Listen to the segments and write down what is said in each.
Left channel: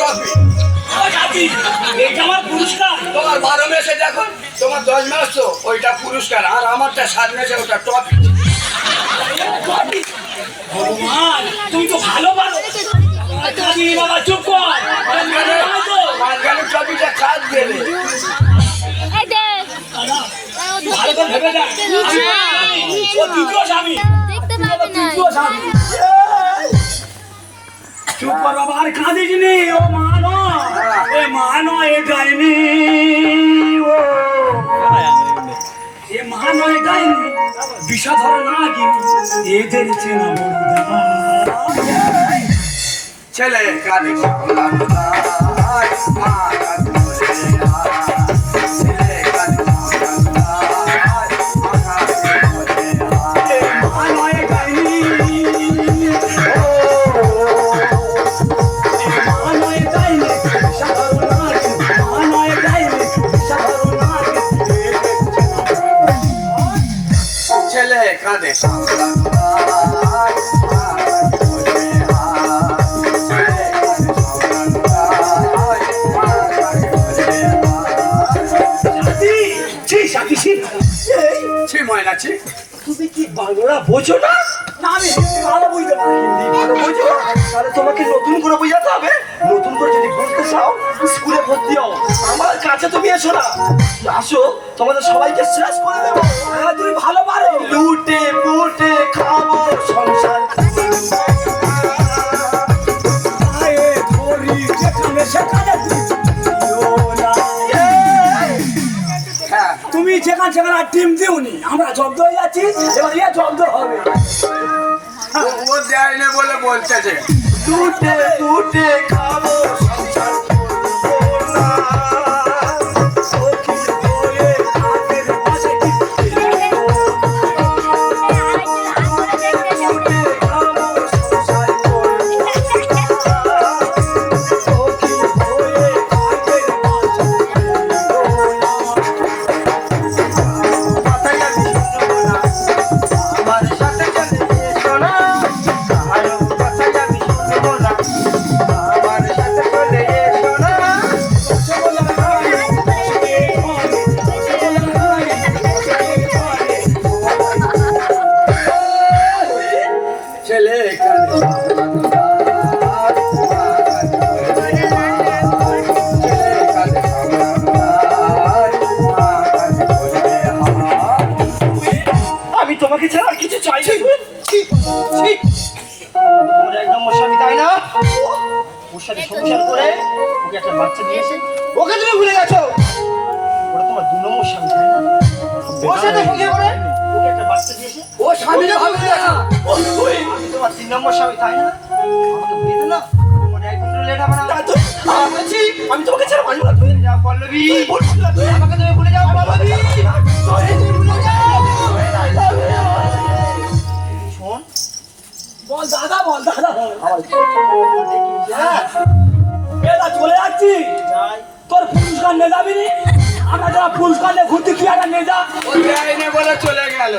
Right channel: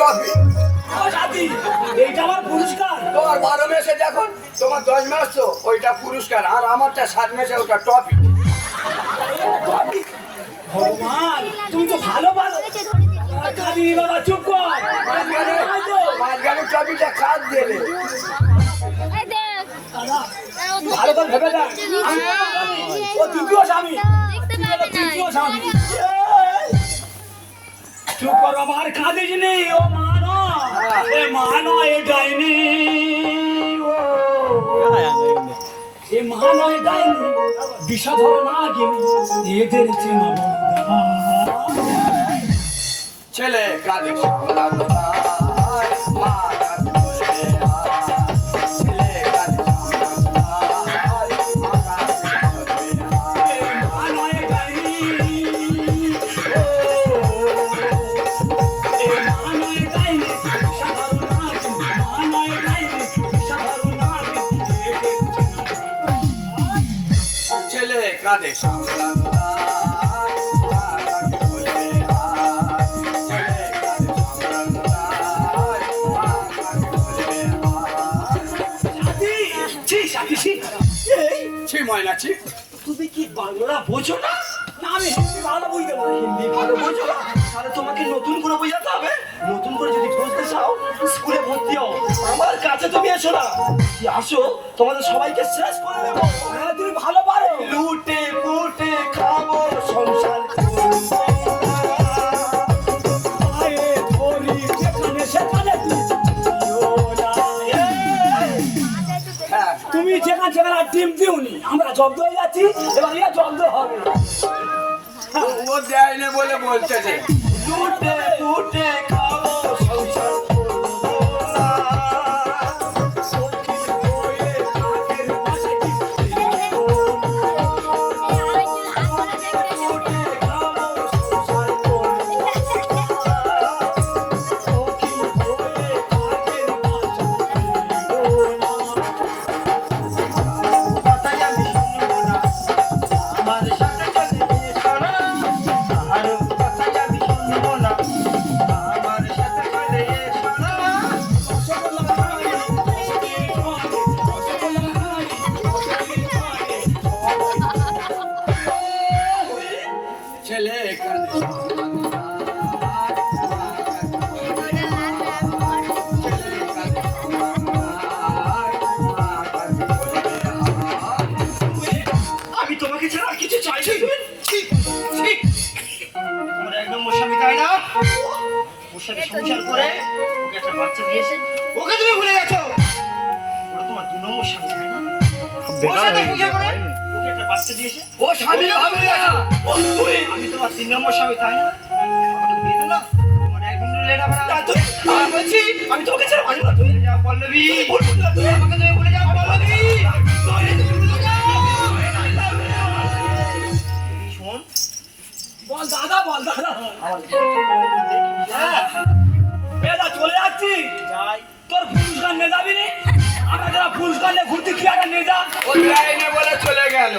Trophy. এটা আমার পুরস্কার। তোমার 12 মেসে দেখো, তোমার 10 মাস তো ওইটা পুরস্কার, আর আমারটা 7 মেসে ওটা ট্রফি। ভগবান, তুমি তো ভালো ভালো। কাঁদি বাবা, চুপ কর। মাঝখানে ট্রফিটা কাজ দেবে। ভালো করে ভেবে দেখ। ও দ্বিতীয় স্বামী। দ্বিতীয় স্বামী। চুপ কর বাবা, আর কাঁদিস নি। ও মা নয়, এ মা নয়, এ ডাইনি। ও এ মা নয়, ডাইনি। বিষধর নাগিনী, এদের চেনা বন্ধা। ছেলে কাঁদে সামলা কোথায়, মা কাঁদে বসে আয়। ছেলে কাঁদে সামলা কোথায়, মা কাঁদে বসে আয়। মা নয়, ডাইনি। ও এ মা নয়, ডাইনি। বিষধর নাগিনী, মা নয়, ডাইনি। বিষধর নাগিনী, এদের চেনা বন্ধা। ছেলে কাঁদে সামলা কোথায়, মা কাঁদে বসে আয়। ছেলে কাঁদে সামলা কোথায়, মা কাঁদে বসে আয়। সাথী, ছি, সাথী, ছি। এই, ছি ময়না ছি। তুমি কি বাংলা বোঝো না? না, আমি হিন্দি ভালো বুঝতে পারি। হিন্দি ভালো বোঝো? তাহলে তোমাকে নতুন করে বোঝাতে হবে। নতুন করে যদি বুঝতে চাও, স্কুলে ভর্তি হও। আমার কাছে তুমি এসো না। আসো, তোমাদের সবাইকে শেষ করে দেবো। হ্যাঁ, তুমি ভালো পারো। লুটে পুটে খাবো সংসার। পায়ে ধরি যেখানে সেখানে দিও না। হ্যাঁ, তুমি যেখানে সেখানে টিম দিওনি, আমরা জব্দ হয়ে যাচ্ছি, এবার ইয়ে জব্দ হবে। ও দেয় না বলে বলতেছে। টুটে টুটে খাবো সংসার করবো না। সখী বলে আগের পাশে কি ফিরবো না। টুটে খাবো সংসার করবো না। সখী বলে আগের পাশে ফিরবো না। কথাটা আমি শুনবো না, আমার সাথে চলে এসো না। কারো কথাটা আমি শুনবো না, আমার সাথে চলে এসো না। ছেলে কাঁদে সামলা কোথায়, মা কাঁদে বসে আয়। ছেলে কাঁদে সামলা কোথায়, মা কাঁদে বসে আয়। আমি তোমাকে ছাড়া আর কিছু চাই না। ঠিক ঠিক। তোমার এক নম্বর স্বামী তাই না? ওর সাথে সংসার করে ওকে একটা বাচ্চা দিয়েছে, ওকে তুমি ভুলে গেছো। ওটা তোমার 2 নম্বর স্বামী তাই না? ওর সাথে সংসার করে ওকে একটা বাচ্চা দিয়েছে, ও স্বামী ভাবে না। ও তুই আমি তোমার 3 নম্বর স্বামী তাই না? আমাকে ভুলে দিও না, তোমার 1 মিনিট লেট হবে না। আমি বলছি, আমি তোমাকে ছাড়া বাঁচবো না। তুই ভুলে যাও পল্লবী, ভুল বুঝলি না, তুই আমাকে তুমি ভুলে যাও পল্লবী। শোন, বল দাদা, বল দাদা, বল। হ্যাঁ এলা চলে যাচ্ছি। যাই। তোর পুরস্কার নিয়ে যাবি নি? আমরা যারা পুরস্কার নিয়ে ঘুরতে কি একটা নিয়ে যা। ও দেয় না বলে চলে গেল।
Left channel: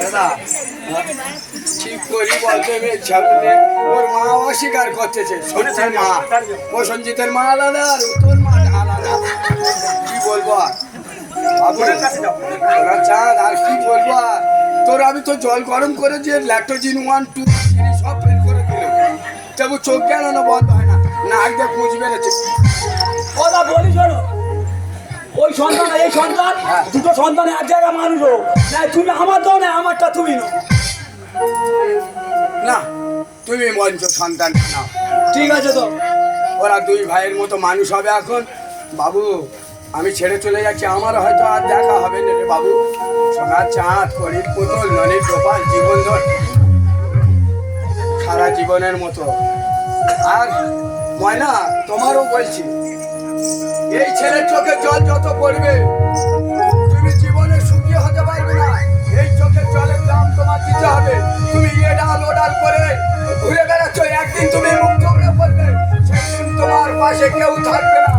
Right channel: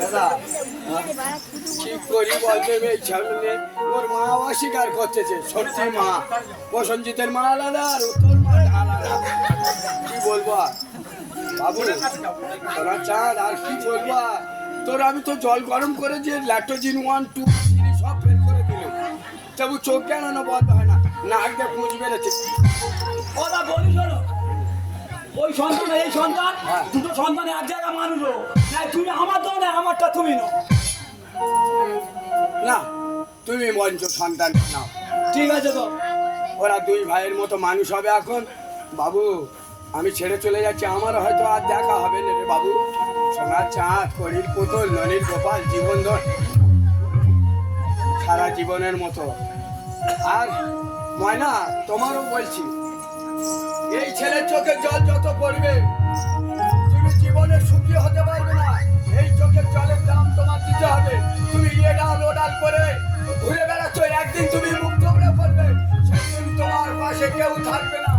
দাদা, ঠিক করি বলতে ইচ্ছা করে ওর মা অস্বীকার করতেছে। শুনেছেন মা, ও সঞ্জিতের মা আলাদা আর ও তোর মা আলাদা। কি বলবো আর? বাবুরের কাছে যাও, ওরা চাঁদ, আর কি বলবো আর? তোর আমি তো জল গরম করে দিয়ে ল্যাক্টোজিন 1 2 সব ফেল করে দিল। তবু চোখ গেলানো বন্ধ হয় না, নাক দিয়ে পুঁজ বেড়েছে। কথা বলি শোনো, ওই সন্তান আর এই সন্তান, দুটো সন্তান এক জায়গায় মানুষ হোক। না তুমি আমার দাও, না আমারটা তুমি নাও। না, তুমি মঞ্চ সন্তান না। ঠিক আছে তো। ওরা 2 ভাইয়ের মতো মানুষ হবে এখন। বাবু, আমি ছেড়ে চলে যাচ্ছি, আমার হয়তো আর দেখা হবে না রে বাবু। সোনার চাঁদ, করির পুতুল, ননির গোপাল, জীবন ধর সারা জীবনের মতো। আর ময়না, তোমারও বলছি, এই ছেলের চোখে জল যত পড়বে তুমি জীবনে সুখী হতে পারবে না। এই চোখের জলের দাম তোমার দিতে হবে। তুমি এডাল ওডাল করে ঘুরে বেড়াচ্ছ, একদিন তুমি মুক্ত হয়ে পড়বে, সেদিন তোমার পাশে কেউ থাকবে না।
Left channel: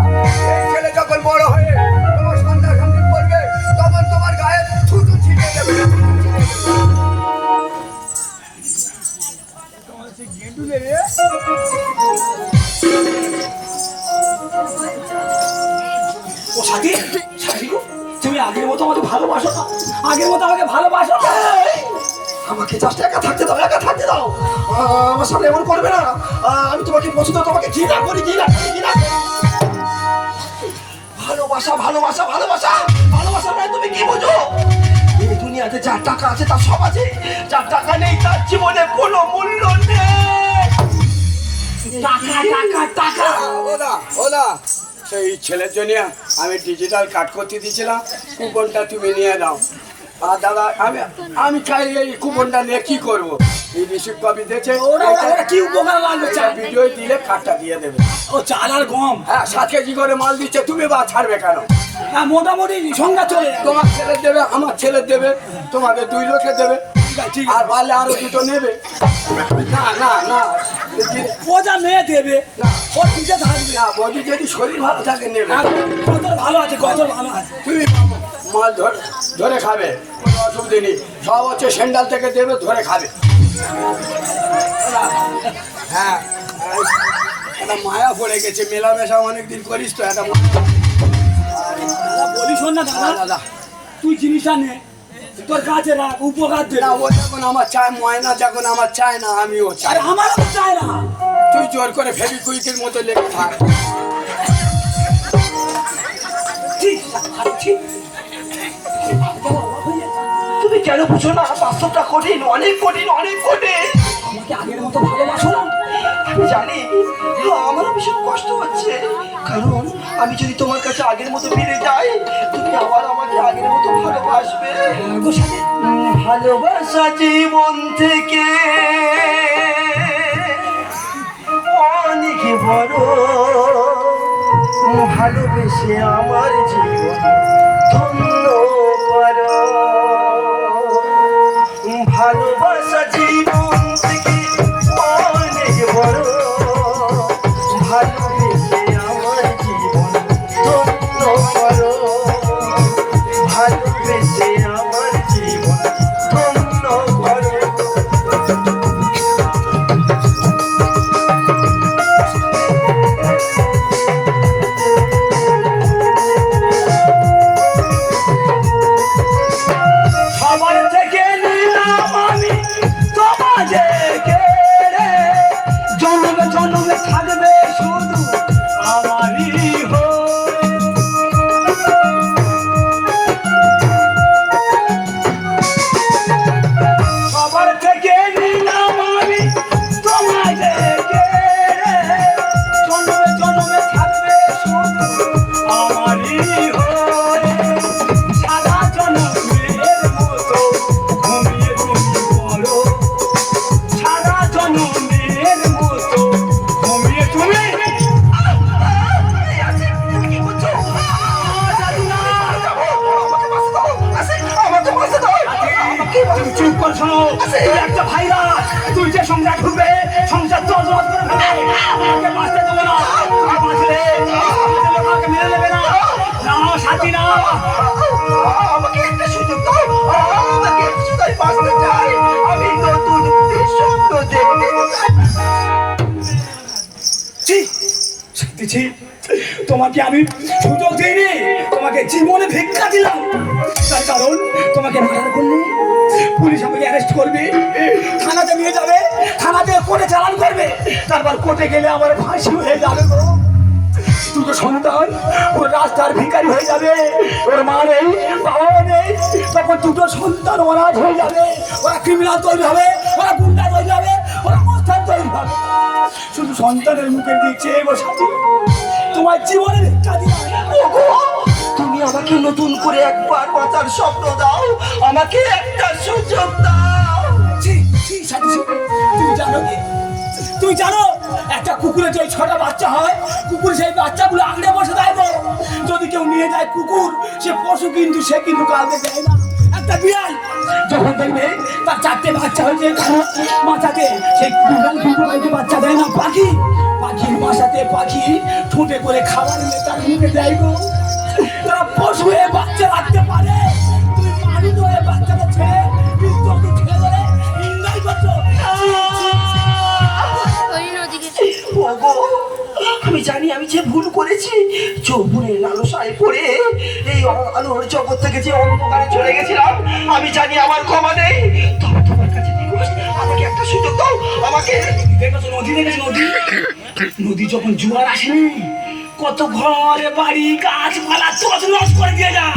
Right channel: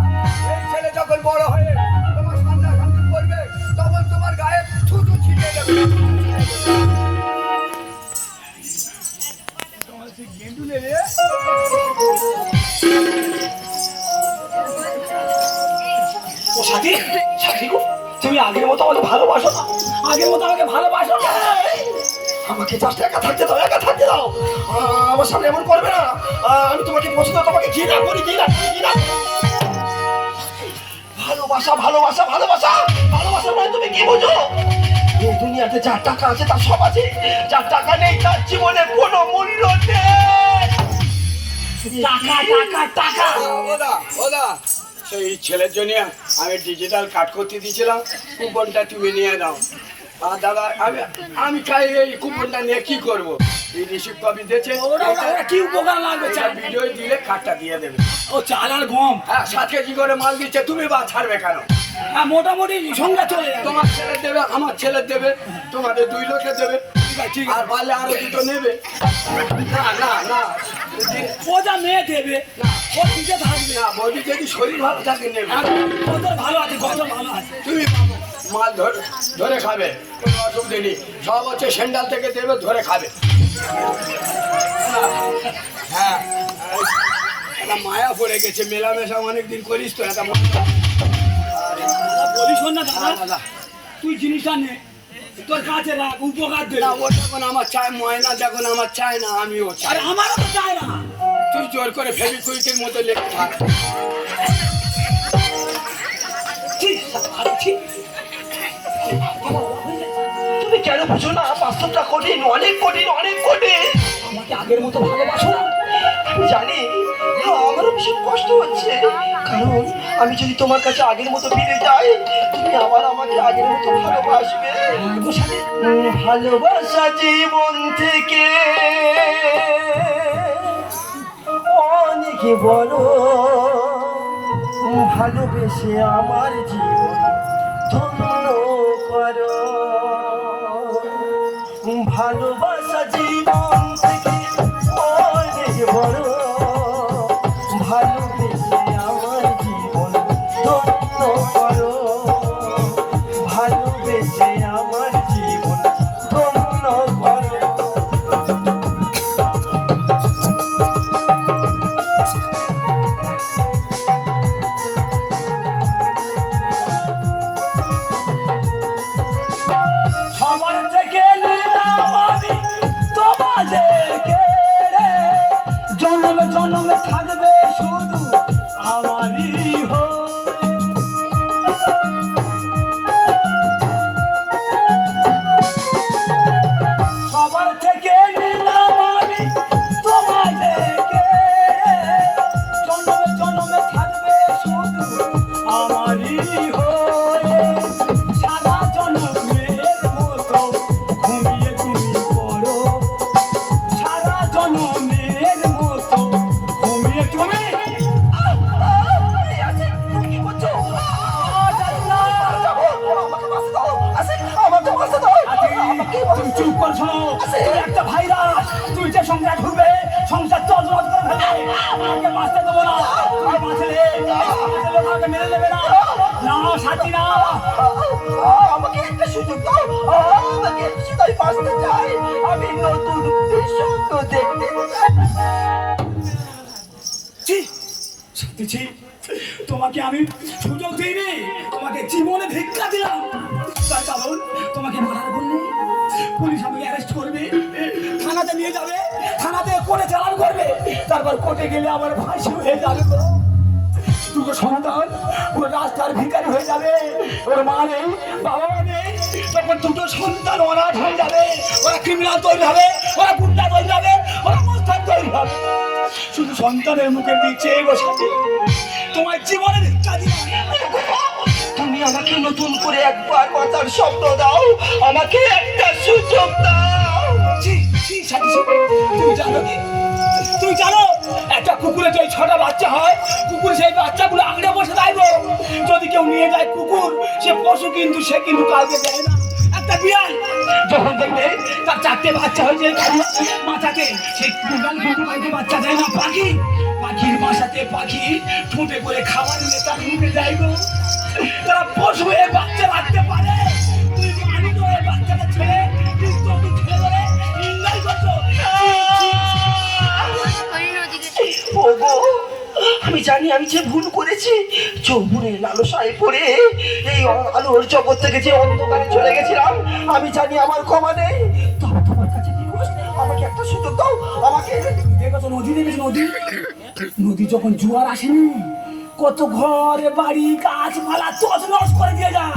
এই ছেলে যখন বড় হয়ে তোমার সন্তান করবে, তখন তোমার গায়ে থুতু ছিটিয়ে দেবে। ও সাথী, সাথী গো, তুমি আগের মতো আমাকে ভালোবাসো না? আগের মতো আমাকে ভালোবাসো না? আমাকে জাস্ট একা থাকতে দাও, একা থাকতে দাও। আমার সামনে এমন করবে না। আমি তোমাকে পছন্দ, তোমাকে ঘৃণা করি, ঘৃণা করি, ঘৃণা করি। ভালোবাসা, ভালোবাসা, ভালোবাসা, ভালোবাসা মানে তুমি কি বোঝো? এই দুনিয়াতে যার টাকা আছে তার সব আছে, যার টাকা নেই তার জীবনে কোনো মূল্য নেই। টাকা, টাকা, টাকা। ওদা ওদা, সেই ছেলের জন্য আমি ডিজিটাল কাট করতে দিয়েছিলাম, কুপনটা তুমি নিয়ে দাও। আর দাদা আমি চাই এই কুপনটা নিয়ে কি করব? এই রিসিভ কপি দিয়েছে, ওরা কি উপকার লাগবে? ভিডিও দিলে কার্ডটা দিয়ে দেবে। ও চাল আর গম, হ্যাঁ 7 কেজি করে মাল দিচ্ছে, তুমি বা ছাড়বে কেন? হ্যাঁ মোটামুটি সংখ্যা চলে যাবে। তোমার ছেলে দেবে, আমার ছেলে দেবে, তোমাদের 2 লোকে দেবে, ঠিক আর পারলে আরো 2টো নেবে। না না না, ও যা মেয়ে দেবে ও দিতে থাকবে। না বডি যদি শরীর ভালো থাকে নেবে। আর কত ভালো আছে, কত ভালো আছে। তুমি মাল ধরে খাবে, কোনো অসুবিধে নেই। সব হচ্ছে সেন্ডাল থেকে দেবে, ধরে খাবে। হ্যাঁ, একটা মায়া পড়ে গেছে, মেলামেশা অনেকদিন করিস তো, একটা বলিস না দাদা দাদা, দাদা তুই জিনিসটা নে, তোর কাছে রাখ, উপকার দে। না, ও যখন আমার চায়, ময়না যখন আমার চায় না, আমিও চাই। আরে আমারও তো চাই না। তুই জোর করে ফেবিকুইকের মতো লেগে থাক। ঠিক, ঠিক। তুমি কেন বুঝো না? বাস্তবটা কঠিন, অনেক কঠিন, অনেক কঠিন। আমাকে আগের মতো ভালোবাসো না? আমি জানি আমারও ভীষণ কষ্ট হচ্ছে, কারণ আমি যদি তোমার কাছে আগের মতো ফিরে যাই, তুমি আবার আমাকে আগের মতো ভালোবাসবে। ভালোবাসা জীবন থেকে অনেক বড়, ভালোবেসে আমার জীবন ধন্য করো। ভালোবাসা জীবন থেকে অনেক বড়, ভালোবেসে আমার জীবন ধন্য করো। ভালোবেসে আমার জীবন ধন্য করো। সবার থেকে নিলাম আমি তোমাকে কেড়ে, জন্মে জন্মে থাকবে শুধু আমারই হয়ে। সবার থেকে নিলাম আমি তোমাকে কেড়ে, জন্মে জন্মে থাকবে শুধু আমারই হয়ে। সারা জন্মের মতো ঘুমিয়ে তুমি পড়ো, সারা জন্মের মতো ঘুমিয়ে তুমি। কি করছো? তুমি চুপ কর, শোনো, তুই একটা ভাইরাস। তুই যে সংসার ঢুকবে, সংসার চলচল করে ফেলবে। আমাকে বাঁচতে দেবে না, তুমি বাঁচলে আমাদের লোক আমাকে মেনে নেবে না। না সাথী না, আমাকে একটা সুযোগ দাও, আমাকে একটা সুযোগ, আমি বাঁচতে চাই, আমি নতুন স্বপ্ন দেখতে চাই। ছি, তোমাকে আমি সুযোগ দিইনি, তোমাকে জীবনে ভিক্ষা দিলাম। তার কারণ তোমাকে মারার বললে পুলিশ আমাকে অ্যারেস্ট করবে, থানাতে নিয়ে যাবে, থানাতে কোর্টে চালান করবে, তারপর কোর্টে গেলে আমার ফাঁসি হয়ে যাবে। দুটো সন্তান ওর রাস্তার ভিখারি হয়ে যাবে, ওর মা নেই, বাবাও নেই, তখন দুটো সন্তান অনাথ হয়ে যাবে। ওরা ক্রিমিনাল তৈরি হবে, ওরা গুন্ডা তৈরি হবে, ওরা মোস্তান তৈরি হবে। শুধু সন্তানের মুখের দিক চেয়ে গো সাথী, তোমার জীবনে ভিক্ষা দিলাম। তুমি আমাকে নতুন করে একবার বাঁচার স্বপ্ন দাও, আমাকে একটা সুযোগ দাও। তুই জানো কি? তুই জানো একটা কুকুরের যে 6টা বাচ্চা হয়, কুকুর সেই বাচ্চাগুলো আঁকড়ে বসে থাকবে। যদি কেউ নিয়ে যায় কুকুর, সে পশু কিন্তু সে কিন্তু কাউকে দেয় না। একটা বিড়াল যখন দেখবে তার 4টে বাচ্চা হয়েছে মাথাতে, সেই বিড়াল কিন্তু কাউকে বাচ্চা দেয় না। পাখির বাসাতে পাখি ঠুঁটে করে খাবার নিয়ে তার মুখে দেয় গো। তারা পশু হয়ে বাচ্চা রাখতে পারে, তুই মানুষ হয়ে বাচ্চাটা ছেড়ে কিন্তু ছেড়ে ধরে ইন্দাই করছো। আমি জানি আমি যে ভুল করেছি, যৌবনের লালসায় পড়ে এই আলোর জগৎ থেকে যে অন্ধকারে চলে গেছিলাম, আমি জানি আমার ক্ষমা নেই। তবে তোমার কাছে রিকোয়েস্ট, আমাকে একটা সুযোগ দাও। আমাকে দেখেছো নদী, দেখেছো নদী? নদী যখন জোয়ার আসে না, কত ঘরে বাড়ি গাছপালা তছনছ করে দিয়ে যায়।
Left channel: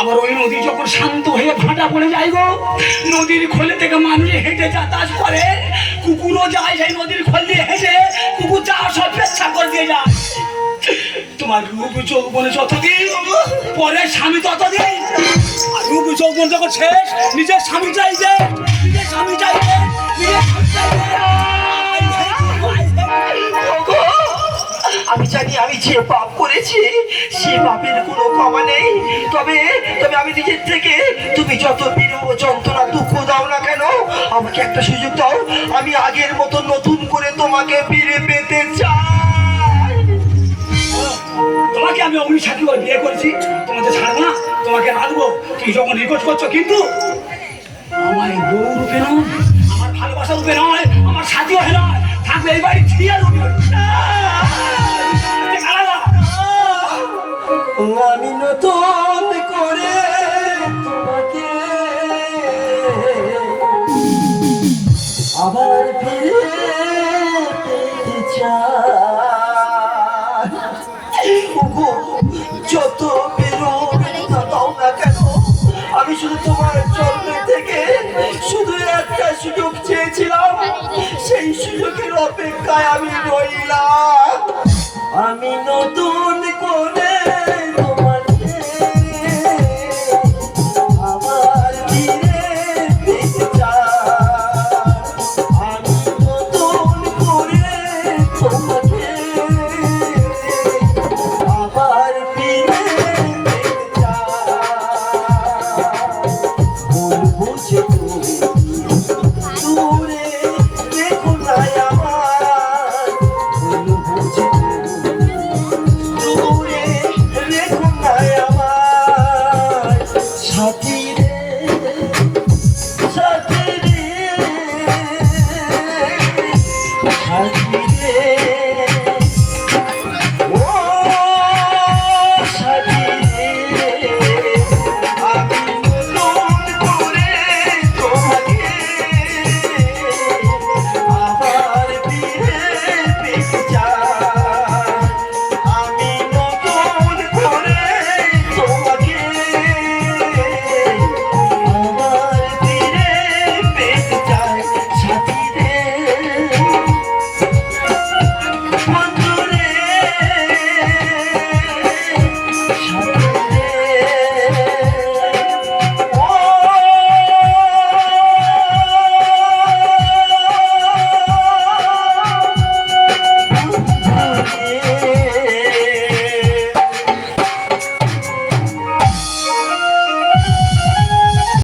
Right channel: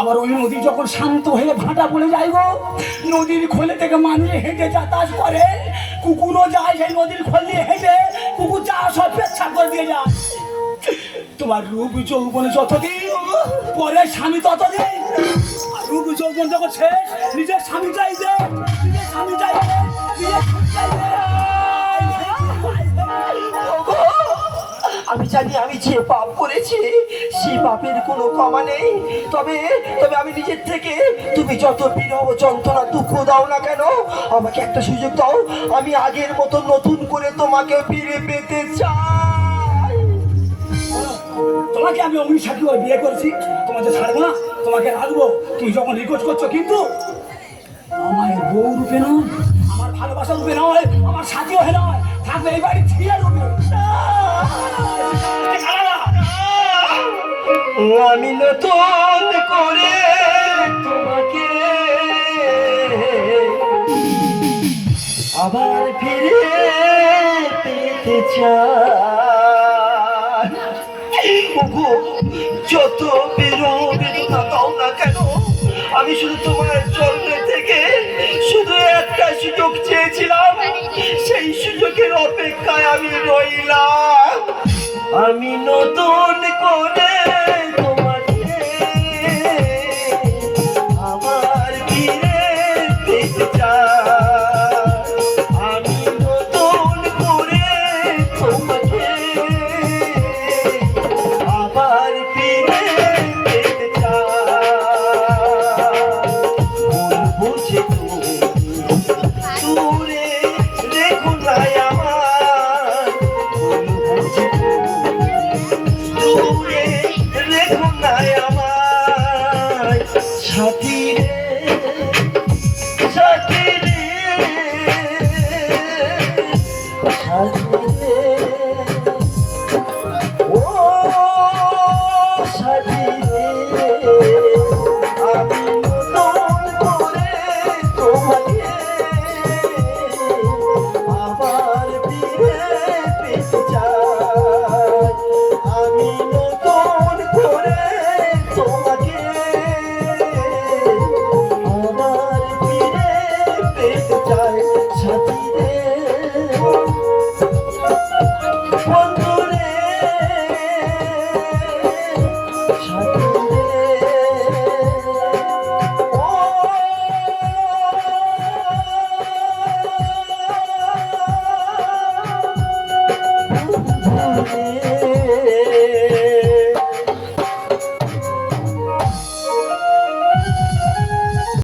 আবার ওই নদী যখন শান্ত হয়ে ভাটা পড়ে যায় গো, নদীর খোলে থেকে মানুষ হেঁটে যাতায়াত করে, কুকুরও যায় সেই নদীর খোল দিয়ে হেঁটে, কুকুর যা সব পেচ্ছাপ করে দিয়ে যায়। তোমার রূপ যৌবনে যতদিন, পরে স্বামী ততদিন। আর রূপ যৌবন যখন শেষ, নিজের স্বামী চাইছে, নিজের স্বামী চাইছে, নিজের স্বামী চাইছে। আমি জানি আমি যে পাপ করেছি, সে পাপের কোনো ক্ষমা নেই। তবে তবে আমি নিজের থেকে, তুমি যত বিরহ যন্ত্রণা দুঃখ দাও না কেন, আমাকে একটা সুযোগ দাও। আমি আগের মতো নতুন করে তোমাকে ফিরে পেতে চাই। তোমাকে আমি অভিশাপী করে বিয়ে করেছি, তোমাকে ছাড়বো না, তোমাকে রাখবো। তুমি যখন রিকোয়েস্ট করছো, কিন্তু আমার বউ রূপে নয়, আমার ভালোবাসা রূপে নয়, আমার সাথী হয়ে নয়, থাকবে এই বাড়ি ছিয়া রূপে। আমি নতুন করে তোমাকে আবার ফিরে পেতে চাই। ওগো, যত বেরোবেদনা দাও না কেন, আমি শুধু তোমার জন্য থেকে শুধু একটা সুযোগ চেয়েছিলাম, সেই সুযোগের অপেক্ষায় আমি রইলাম। আমি নতুন করে তোমাকে আবার ফিরে পেতে চাই। আমি নতুন করে তোমাকে আবার ফিরে পেতে চাই। বলবো যে দূরে রেখো না আমার, বলবো যে দূরে রেখো না আমার। সাথী রে, সাথী রে, সাথী রে।